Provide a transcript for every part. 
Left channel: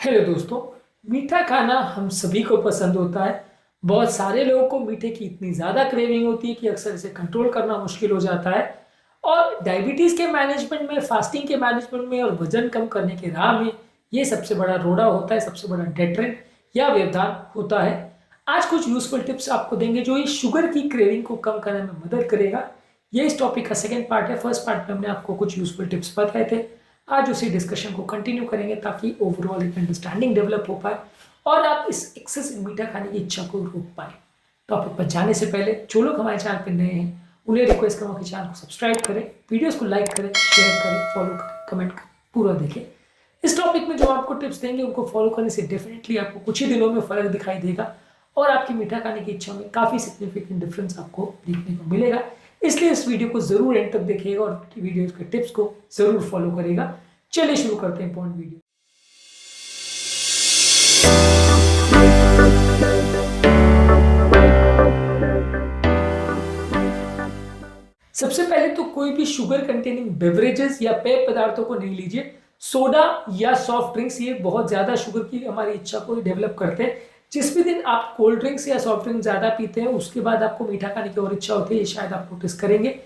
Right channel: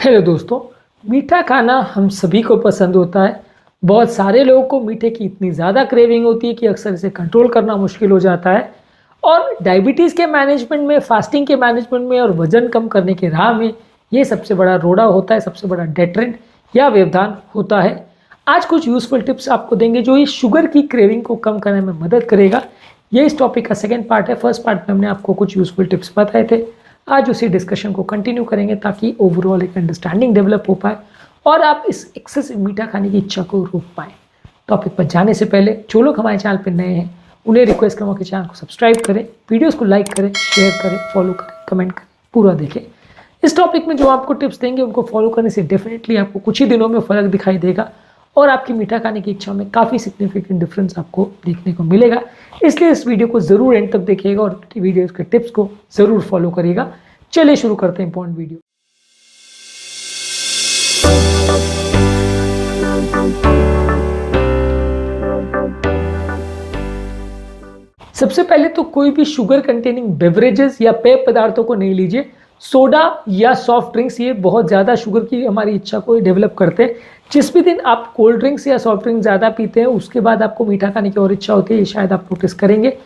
Hello दोस्तों। मीठा खाना हम सभी को पसंद होता है। बहुत सारे लोगों को मीठे की इतनी ज़्यादा क्रेविंग होती है कि अक्सर इसे कंट्रोल करना मुश्किल हो जाता है। और डायबिटीज़ के मैनेजमेंट में, फास्टिंग के मैनेजमेंट में और वजन कम करने के राह में ये सबसे बड़ा रोड़ा होता है, सबसे बड़ा डेटरेंट या व्यवधान होता है। आज कुछ यूजफुल टिप्स आपको देंगे जो इस शुगर की क्रेविंग को कम करने में मदद करेगा। ये इस टॉपिक का सेकेंड पार्ट है। फर्स्ट पार्ट में हमने आपको कुछ यूजफुल टिप्स बताए थे। आज उसी डिस्कशन को कंटिन्यू करेंगे ताकि ओवरऑल एक अंडरस्टैंडिंग डेवलप हो पाए और आप इस एक्सेसिव मीठा खाने की इच्छा को रोक पाए। टॉपिक पर जाने से पहले जो लोग हमारे चैनल पर नए हैं उन्हें रिक्वेस्ट करूँगा कि चैनल को सब्सक्राइब करें, वीडियोस को लाइक करें, शेयर करें, फॉलो करें, कमेंट करें, पूरा देखें। इस टॉपिक में जो आपको टिप्स देंगे उनको फॉलो करने से डेफिनेटली आपको कुछ ही दिनों में फ़र्क दिखाई देगा और आपकी मीठा खाने की इच्छा में काफ़ी सिग्निफिकेंट डिफरेंस आपको देखने को मिलेगा। इसलिए इस वीडियो को ज़रूर एंड तक देखिएगा और वीडियो के टिप्स को ज़रूर फॉलो करिएगा। चलिए शुरू करते हैं इंपॉर्टेंट वीडियो। सबसे पहले तो कोई भी शुगर कंटेनिंग बेवरेजेस या पेय पदार्थों को नहीं लीजिए। सोडा या सॉफ्ट ड्रिंक्स ये बहुत ज़्यादा शुगर की हमारी इच्छा को डेवलप करते हैं। जिस भी दिन आप कोल्ड ड्रिंक्स या सॉफ्ट ड्रिंक्स ज़्यादा पीते हैं उसके बाद आपको मीठा खाने की और इच्छा होती है, ये शायद आप नोटिस करेंगे।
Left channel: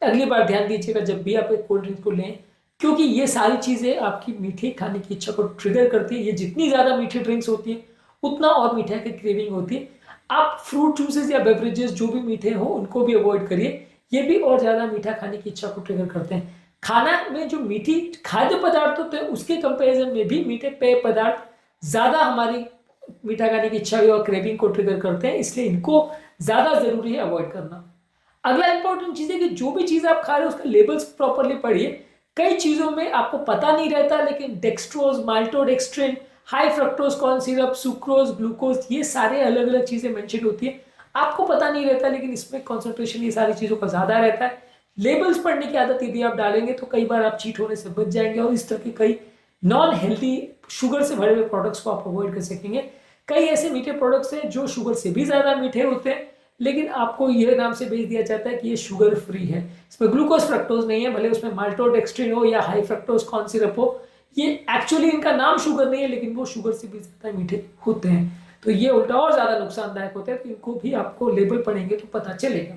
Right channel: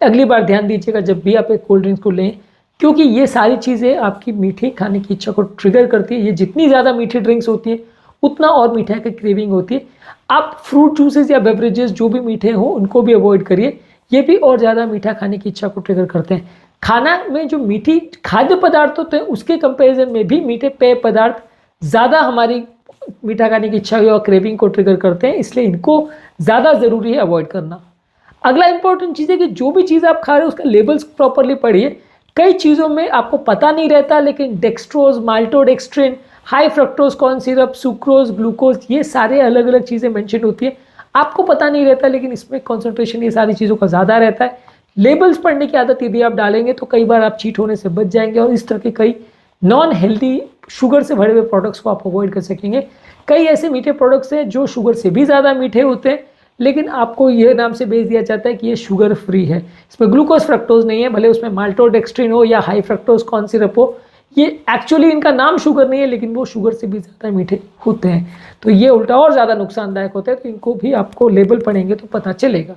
अगली बार ध्यान दीजिएगा जब भी आप एक कोल्ड ड्रिंक्स को लें, क्योंकि ये सारी चीज़ें आपकी मीठे खाने की इच्छा को ट्रिगर करती है। ये जितनी ज़्यादा मीठी ड्रिंक्स होती है उतना और मीठा की क्रेविंग होती है। आप फ्रूट जूसेस या बेवरेजेस जो भी मीठे हों उनको भी अवॉइड करिए, ये भी और ज़्यादा मीठा खाने की इच्छा को ट्रिगर करते हैं। खाना में जो मीठी खाद्य पदार्थ होते हैं उसके कंपैरिजन में भी मीठे पेय पदार्थ ज़्यादा हमारी मीठा खाने की इच्छा और क्रेविंग को ट्रिगर करते हैं, इसलिए इनको ज़्यादा ज़रूरी है अवॉइड करना। अगला इंपॉर्टेंट चीज़ है कि जो भी चीज़ आप खा रहे हो उसका लेबल्स प्रॉपरली पढ़िए। कई चीज़ों में आपको पता नहीं रहता, लेकिन dextrose, maltodextrin, high fructose corn syrup, sucrose, glucose, ये सारे अलग अलग चीज़ें मेंशन होती है। आपको पता नहीं रहता लेकिन इसमें कॉन्सेंट्रेशन ये सारी चीज़ों का ज़्यादा रहता है। लेबल्स पढ़ने की आदत यदि आप डालेंगे तो कई बार आप चीट होने से बच जाएंगे और इस तरह के कई नॉन हेल्दी शुगर से भरे हुए प्रोडक्ट्स को आप अवॉइड कर सकेंगे। कई ऐसे मीठे प्रोडक्ट्स हैं जो शुगर से भी ज़्यादा मीठे होते हैं लेकिन आपको ये नाम से बेच दिया जाता है कि ये शुगर फ्री है। इसमें ग्लूकोज फ्रक्टोज नहीं है, भले उसमें माल्टोडेक्स्ट्रिन हो या हाई फ्रक्टोज कॉर्न सिरप हो। ये एक्चुअली इनका नाम शुगर नहीं है लेकिन वो शुगर से भी ज़्यादा मीठे होते हैं, तो ये उल्टा और ज़्यादा नुकसानदायक होता है। तो इनको भी आपको लेबल पढ़ेंगे तो पता चलेगा।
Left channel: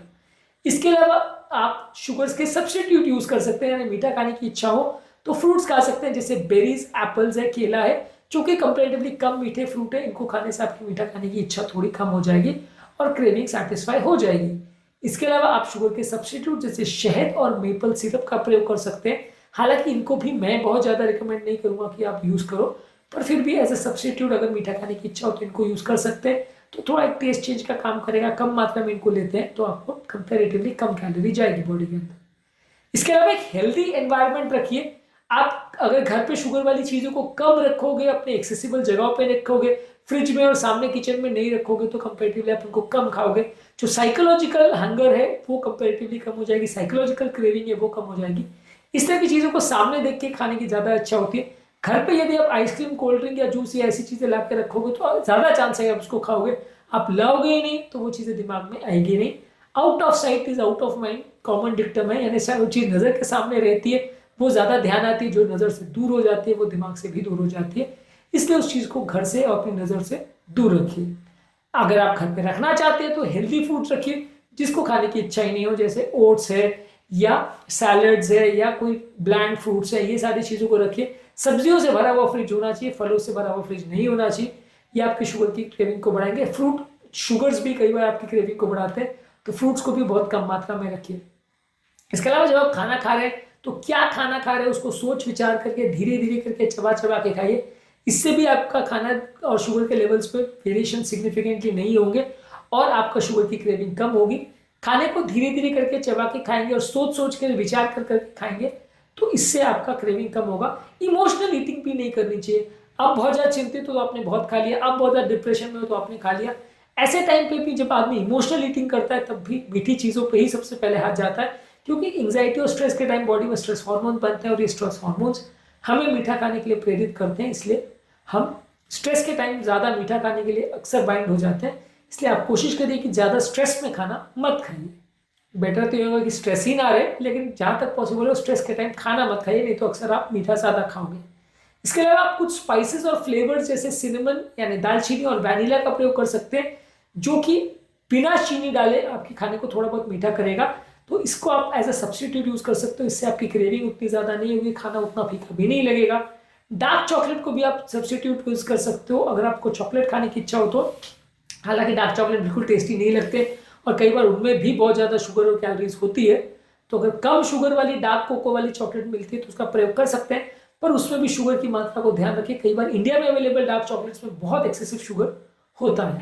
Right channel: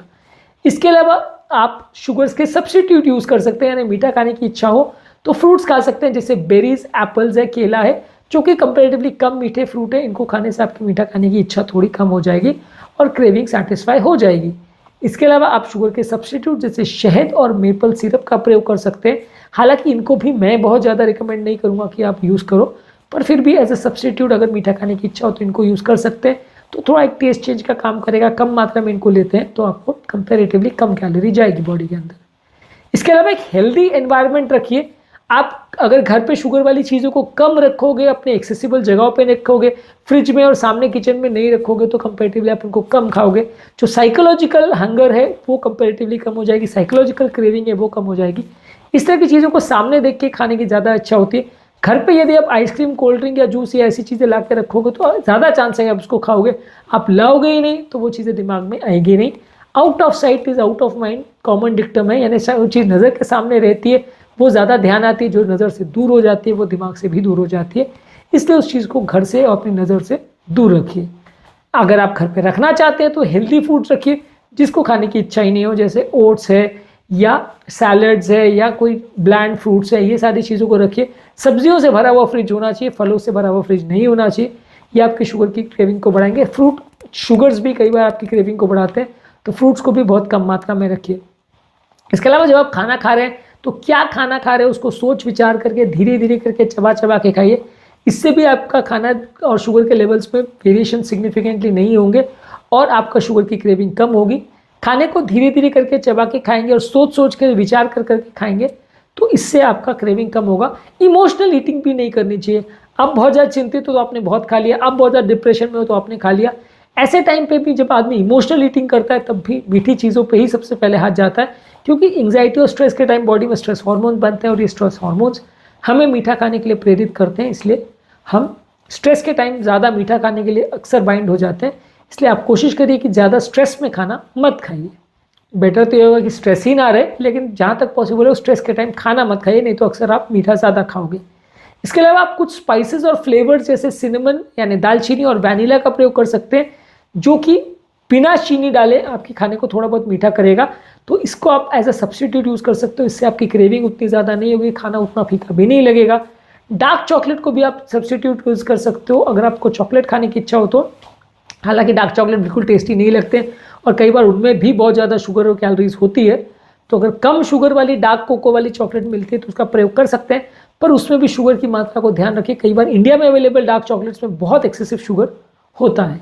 इसके अलावा आप शुगर्स के सब्स्टिट्यूट यूज़ कर सकते हैं, यानी मीठा खाने की इच्छा हो तो फ्रूट्स खा सकते हैं, जैसे बेरीज, एप्पल्स है, केला है, जो कि कंपेरेटिवली कम मीठे फ्रूट है। इनको खाने से आपकी मीठा खाने की इच्छा थोड़ी कम हो जाएगी और क्रेविंग सेटिस्फाई हो जाएगी। इसके अलावा आप शुगर के सब्स्टिट्यूट जैसे शहद और मेपल सिरप का प्रयोग कर सकते हैं। हालांकि इनको भी मैं बहुत ज़्यादा रिकमेंड नहीं करूँगा कि आप यूज़ करो, पर फिर भी एज ए सब्स्टिट्यूट अगर मीठा खाने की इच्छा हो तो इनको यूज़ कर सकते हैं। तो थोड़ा एक टेस्ट चेंज का काम करेगा। कम मात्रा में इनको लेते हैं तो आपको कंपेरेटिवली कम कैलोरी जाएगी बॉडी के अंदर। इसके अलावा एक हेल्दी एनवायरनमेंट रखिए। आप अगर घर पे शुगर वाली चीज़ों को कम रखोगे, अपने एक्सेसिबल जगहों पे रखोगे, फ्रिज में और सामने किचन में नहीं रखोगे तो कंपेरेटिवली आप इनको कम खाओगे। जो साइकोलॉजिकल हंगर है वो कंपेरेटिवली कम हो जाएगी, साइकोलॉजिकल क्रेविंग है वो कम हो जाएगी। इस तरह की चीज़ों को सामने देख के खाने की ज़्यादा अच्छा होती है। घर पे यदि आप आइसक्रीम, कोल्ड ड्रिंक या जूस या ऐसी चीज़ें ला के रखोगे तो ज़्यादा चांस है आप उसको खाओगे। आप लाओगे ही नहीं तो वो चीज़ें दिमाग में आएगी नहीं। Out of site is out of mind common dictum है, यानी वो चीज़ नज़र के सामने रहती है वो ज़्यादा ध्यान आती है, जो नज़र से दूर हो जाती है वो दिमाग से भी दूर हो जाती है। इसलिए उस चीज़ को घर से और अपनी नज़र से दूर रखिए। अगर आप घर पे रखना चाहते हैं तो हेल्दी फूड्स रखिए जिसको खाने की इच्छा ही नहीं हो, जैसे ओट्स है या सैलड्स है या कोई ब्लैंड फ्रूट्स है, ये सारी चीज़ों को रखिए। सब्जियों से भरा हुआ फ्रिज होना चाहिए, फलों से भरा हुआ फ्रिज नहीं होना चाहिए। ये आपकी शुगर की क्रेविंग को बढ़ाएंगे। फ्रूट शुगर्स भी कई बार आपकी क्रेविंग को बढ़ाते हैं, तो फ्रूट्स को भी बहुत कम मात्रा में रखिए। इसके अलावा जब आप खाना खा रहे हैं तो क्या खाना खा रहे हैं उसको सोच विचार करके धीरे धीरे करके चबा चबा के खाइए। इससे भी आपका खाना और शुगर के लेवल्स में वेरिएशन सिग्निफिकेंटली नहीं होंगे और आपका शुगर की क्रेविंग कम होगी। खाने को धीरे धीरे करके चबा के खाएंगे और सोच सोच कर विचार कर करके खाएंगे तो इससे आपका क्रेविंग कम होगा। इमोशनल ईटिंग भी नहीं करनी चाहिए। आप बहुत ज़्यादा चिंतित हो तो आपने बहुत खा लिया, आप बहुत ज़्यादा डिप्रेशन में हो तो आपने खा लिया। ऐसे टाइम पे भी जब आदमी इमोशनल ईटिंग करता है तब भी मीठी चीज़ों पे ही सबसे पहले हाथ जाता है, क्योंकि एंग्जाइटी और स्ट्रेस के टाइम बॉडी में स्ट्रेस हार्मोन बनते हैं और ये स्ट्रेस हार्मोन्स हमें मीठा खाने के लिए प्रेरित करते हैं। इसलिए हम स्ट्रेस के टाइम ज़्यादा मीठा खाने के लिए अक्सर बाइंड हो जाते हैं। इसलिए आप कोशिश करिए कि ज़्यादा स्ट्रेस में खाना मत खाइए। बेटर तो ये होगा कि स्ट्रेस ही ना रहे, लेकिन जहाँ तक पॉसिबल हो स्ट्रेस के टाइम खाना मत खाइए, नहीं तो अक्सर आप मीठा ज़्यादा खाओगे। इसके अलावा आप कुछ स्पाइसेस और फ्लेवर्स जैसे सिनेमन यानी दालचीनी और वैनिला का प्रयोग कर सकते हैं, जो कि बिना चीनी डाले आपके खाने को थोड़ा बहुत मीठा करेगा। तो इसको आप एज अ सब्सटीट्यूट यूज़ कर सकते हो, इससे आपकी क्रेविंग उतनी ज़्यादा नहीं होगी, खाना उतना फीका भी नहीं लगेगा। डार्क चॉकलेट को भी आप सब्सटीट्यूट यूज़ कर सकते हो अगर आपको चॉकलेट खाने की इच्छा हो तो। हालांकि डार्क चॉकलेट बिल्कुल टेस्टी नहीं लगते और कई बार उनमें भी बहुत ज़्यादा शुगर और कैलोरीज होती है, तो अगर कम शुगर वाली डार्क कोको वाली चॉकलेट मिलती है तो उसका प्रयोग कर सकते हैं, पर उसमें भी शुगर की मात्रा को ध्यान रखें। कई बार इंडिया में अवेलेबल डार्क चॉकलेट्स में बहुत एक्सेसिव शुगर होता है।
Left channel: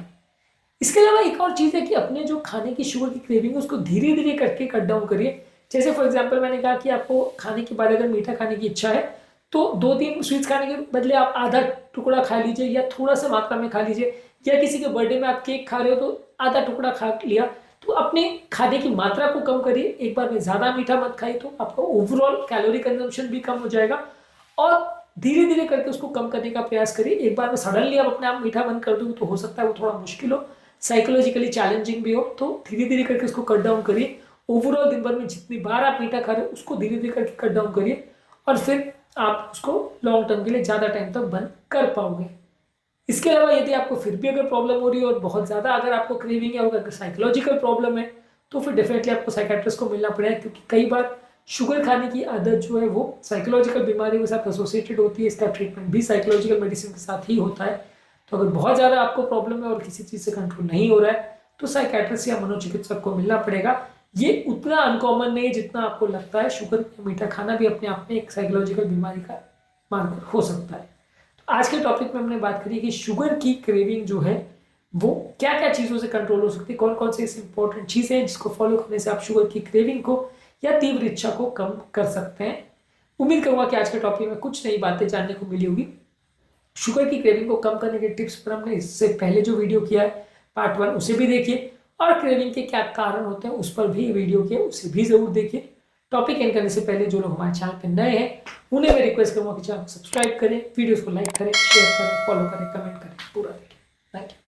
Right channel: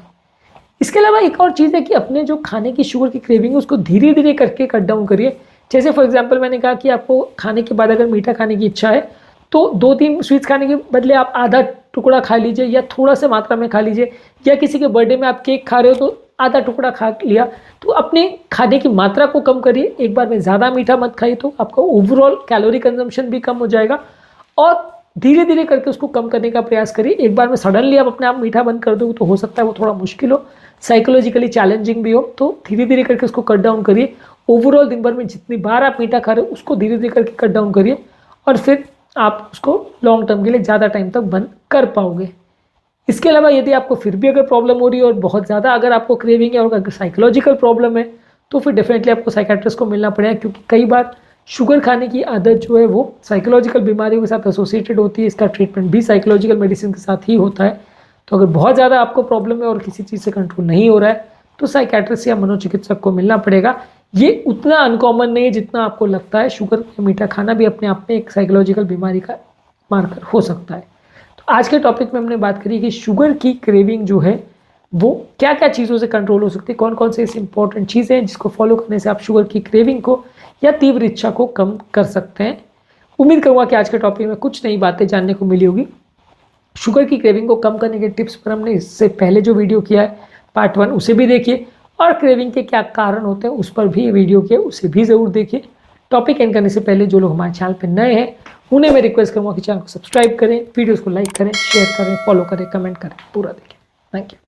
इसके अलावा एक और चीज़ है कि अपने जो खाने की शुगर की क्रेविंग है उसको धीरे धीरे करके कट डाउन करिए। जैसे फॉर एग्जांपल मैंने कहा कि आपको खाने के बाद अगर मीठा खाने की इच्छा है तो 2-3 स्वीट्स खाने के बदले आप आधा टुकड़ा खा लीजिए या थोड़ा सा मात्रा में खा लीजिए, या किसी के बर्थडे में आप केक खा रहे हो तो आधा टुकड़ा खा लिया। तो अपने खाने की मात्रा को कम करिए, एक बार में ज़्यादा मीठा मत खाइए, तो आपका ओवरऑल कैलोरी कंजम्पशन भी कम हो जाएगा। और धीरे धीरे करके उसको कम करने का प्रयास करिए। एक बार में सडनली आप अपने आप मीठा बंद कर दो तो हो सकता है वो थोड़ा मुश्किल हो, साइकोलॉजिकली चैलेंजिंग भी हो, तो धीरे धीरे करके उसको कट डाउन करिए। ओवरऑल दिन भर में जितनी बार आप मीठा खा रहे हो उसको धीरे धीरे करके कट डाउन करिए और फिर आप उसको लॉन्ग टर्म के लिए ज़्यादा टाइम तक बंद कर पाओगे। इसके अलावा यदि आपको फिर भी अगर प्रॉब्लम हो रही है और बहुत ज़्यादा अगर आपको क्रेविंग है और अगर साइकोलॉजिकल प्रॉब्लम है तो फिर डेफिनेटली आपको साइकेट्रिस्ट को मिलना पड़ेगा, क्योंकि कई बार शुगर खाने की आदत जो है वो साइकोलॉजिकल बीमारियों के साथ एसोसिएटेड होती है। इसका ट्रीटमेंट भी साइकोलॉजिकल मेडिसिन के साथ ही होता है। तो अगर बहुत ज़्यादा आपको प्रॉब्लम है और किसी चीज़ से कंट्रोल नहीं हो रहा है तो साइकेट्रिस्ट या मनोचिकित्सक को मिलना पड़ेगा। ये उतना अनकॉमन नहीं है जितना आपको लगता है। शुगर या मीठा खाना भी अपने आप में एक साइकोलॉजिकल बीमारी का मार्कर हो सकता है। तो आज के टॉपिक में हमने बात करी कि शुगर की क्रेविंग जो है वो क्या क्या चीज़ों से कंट्रोल हो सकती है, कौन कौन से ऐसी इंपॉर्टेंट चीज़ें हैं जिसको फॉलो करने से आप शुगर की क्रेविंग को या तीव्र इच्छा को कम कर सकते हैं। उम्मीद करूँगा कि आज के टॉपिक में कुछ नई बातें जानने को मिली होगी। शुगर की क्रेविंग को कम करने के टिप्स पर हमने इससे पहले जो वीडियो किया है पार्ट 1 उसे भी देखिए, और क्रेविंग के क्या कारण होते हैं उस पर भी वीडियो किया उसे भी ज़रूर देखिए। टॉपिक एंड करने से पहले जो लोग हमारे चैनल पर नए हैं उन्हें मैं रिक्वेस्ट करूँगा कि चैनल को सब्सक्राइब करें, वीडियोज़ को लाइक करें, शेयर करें, फॉलो करें, कमेंट करें, पूरा देखें। Thank you.